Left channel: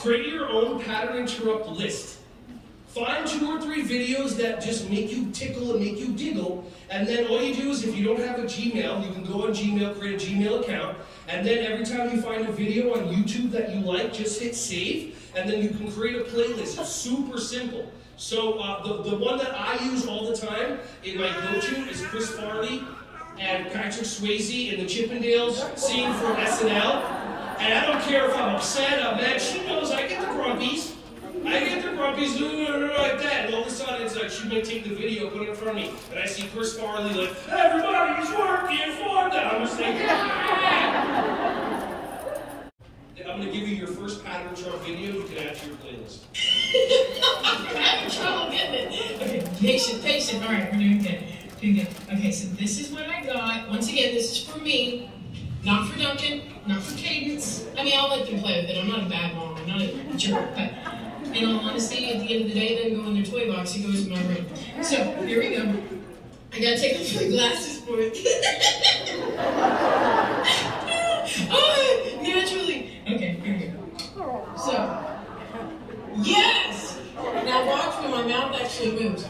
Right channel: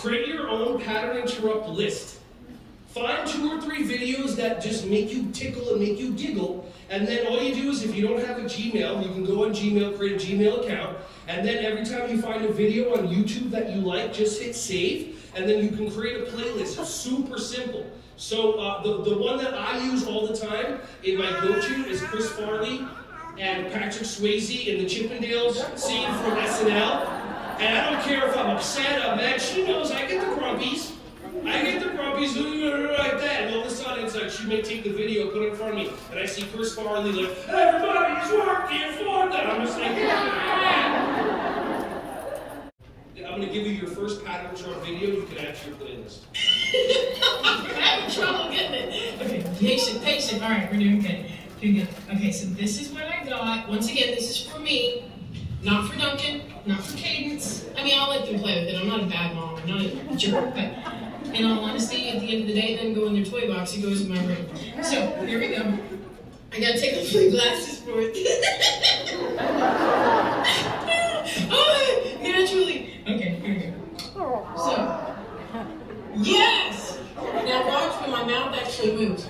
Create your own pattern interrupt list. Find 2 or 3 videos that just make you tickle and make you giggle, and then all you do is, if you don't have a Gmail, you can go on Gmail, create a Gmail account, and then every time you find a video on YouTube that you like, just hit save, and then you can create a playlist. It's super simple. So the one that I use all the time in my go-to is Chris Farley and Patrick Swayze in the Chippendales scene from SNL. And I don't care if I'm upset, I'm mad, she knows I get the grumpies. I get the grumpies like that, and all of a sudden it's like she might take the video, put it in front of me, and I see Chris Farley like, everybody's working for them. I'm just like, I'm going to give you your first pattern chart video. You can add to your playlist. I'm having trouble getting it. Okay, patient. All right, we're doing good. Okay, so this is what I got. Once again, this is for me. Not for Duncan, not for Cadence. I mean, I'll let them play with it. I'm not a bad mom. I'm not a jerk. But in all honesty, at the end of the day, then go in their toy box. It goes in my room. So, here we go. I gotta take off my glasses for it. Oh, naturally. Okay, here we go. So, yes! Now watch when my mouth actually moves.